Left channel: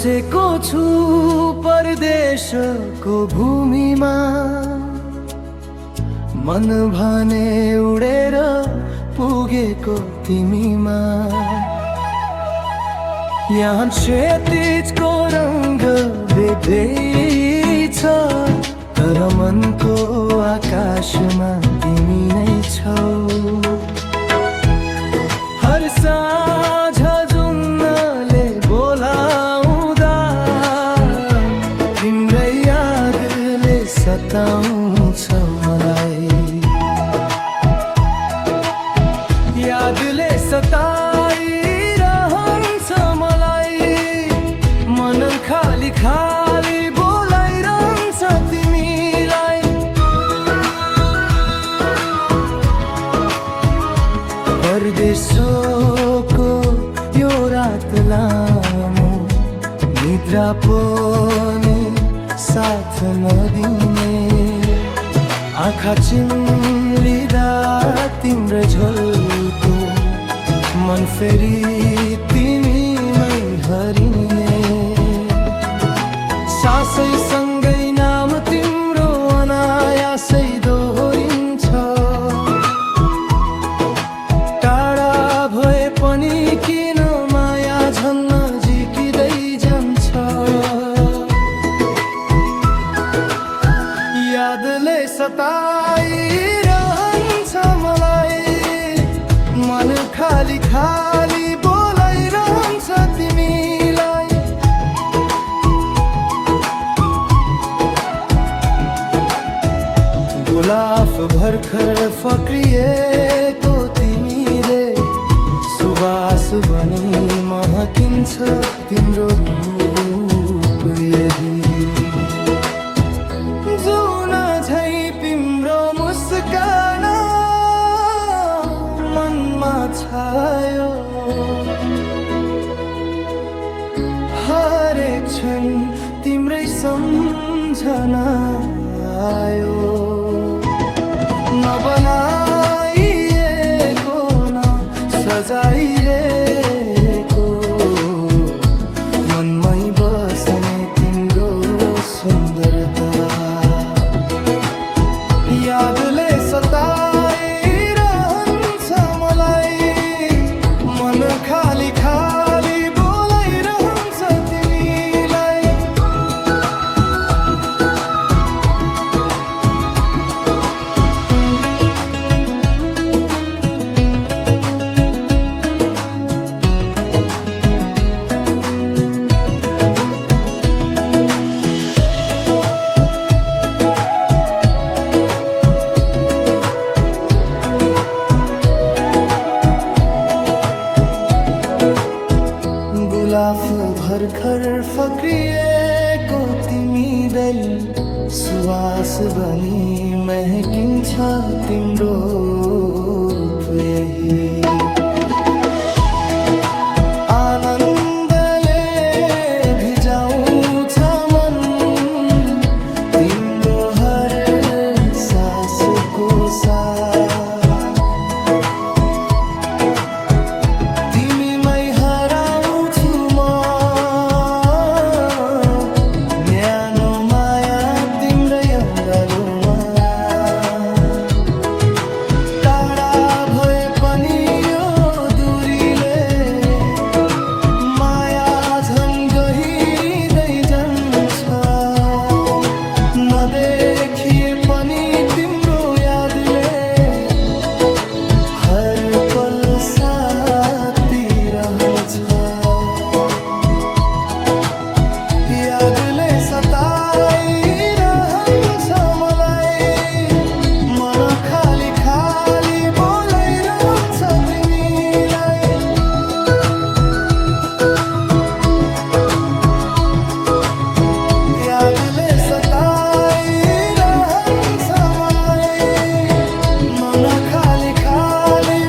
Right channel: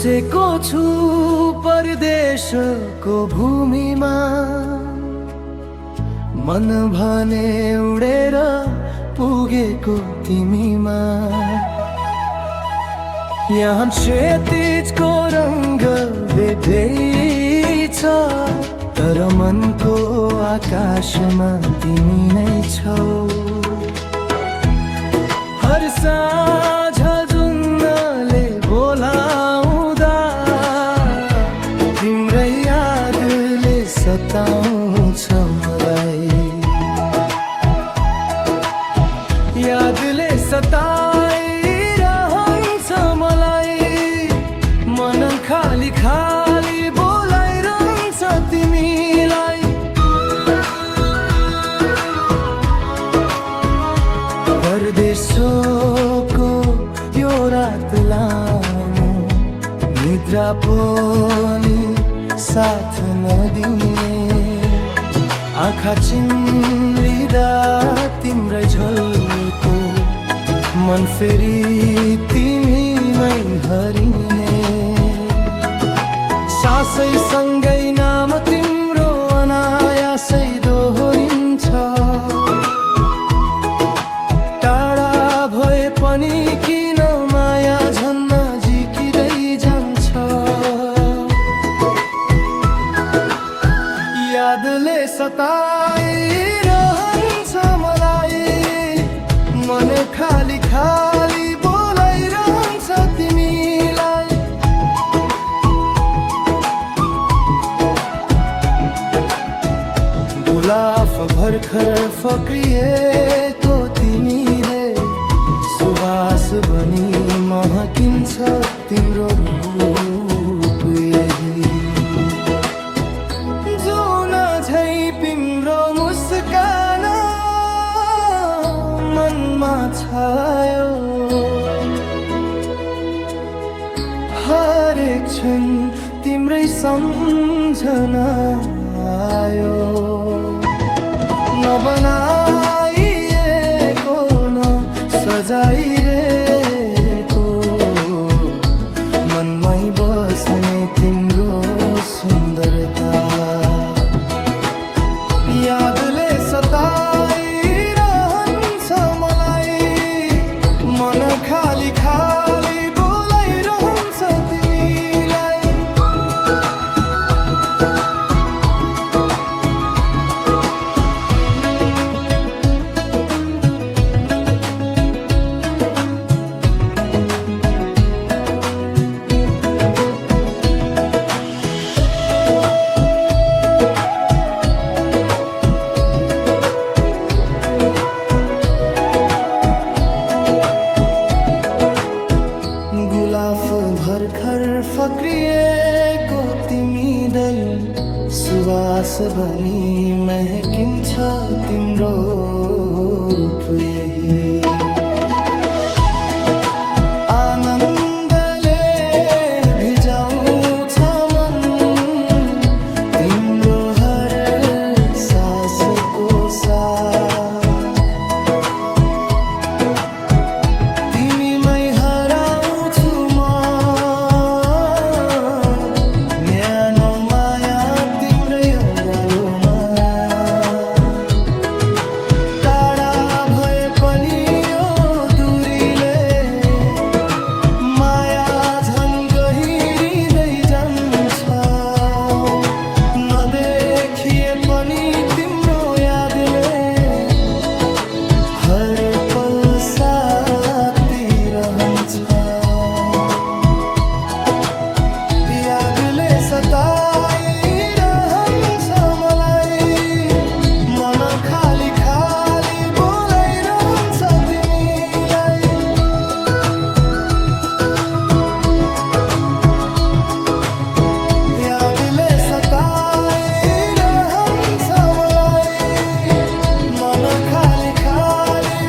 बसेको छु परदेशको भूमिमा, मन भने उडेर पुगेको तिमीमा। यहाँ क्षितिजको रङ्ग बेग्लै छ, तर मनको आकाशमा तिमी नै छौ। हर साँझ जुन्नले बोलाउँदा तिम्रै यादले सताउँछ मलाई, यादले सताइरहन्छ मलाई। मन खाली खाली बोलाइरहन्छ तिमीलाई। परदेशको यो रात लामो, निद्रा पनि साथ नदिने। आँखा चिम्लिँदा तिम्रै झोलको, मन फेरि तिमीमै हरिने। सासै सँगै नाम तिम्रो अनायासै दोहोरिन्छ। टाढा भए पनि किन माया झन् नजिकिँदै जान्छ। यादले सताइरहन्छ मलाई, मन खाली खाली बोलाइरहन्छ तिमीलाई। गुलाफ भर्खर फक्रिएको तिमीले, सुवास बनी महकिन्छ तिम्रो रूप यही। जुन झै तिम्रो मुस्कान मनमा छायो, हरेक क्षण तिम्रै सम्झना आयो। नबनाइएको न सजाइरहेको, मनमै बस्ने तिम्रो सुन्दरता। यादले सताइरहन्छ मलाई, मन खाली खाली बोलाइरहन्छ तिमीलाई। गुलाफ भर्खर फक्रिएको तिमीदै, सुवास बनी महकिन्छ तिम्रो रूप यही। आनन्दले भिजाउँछ मन तिम्रो हर सासको साथ। तिमीमै हराउँछु म, न्यानो माया तिम्रै अङ्गालोमा। टाढा भए पनि यो दूरीले, माया झन् गहिरिँदै जान्छ। नदेखिए पनि तिम्रो यादले हर पल साथी रहन्छ। यादले सताइरहन्छ मलाई, मन खाली खाली बोलाइरहन्छ तिमीलाई। यादले सताइरहन्छ मलाई, मन खाली खाली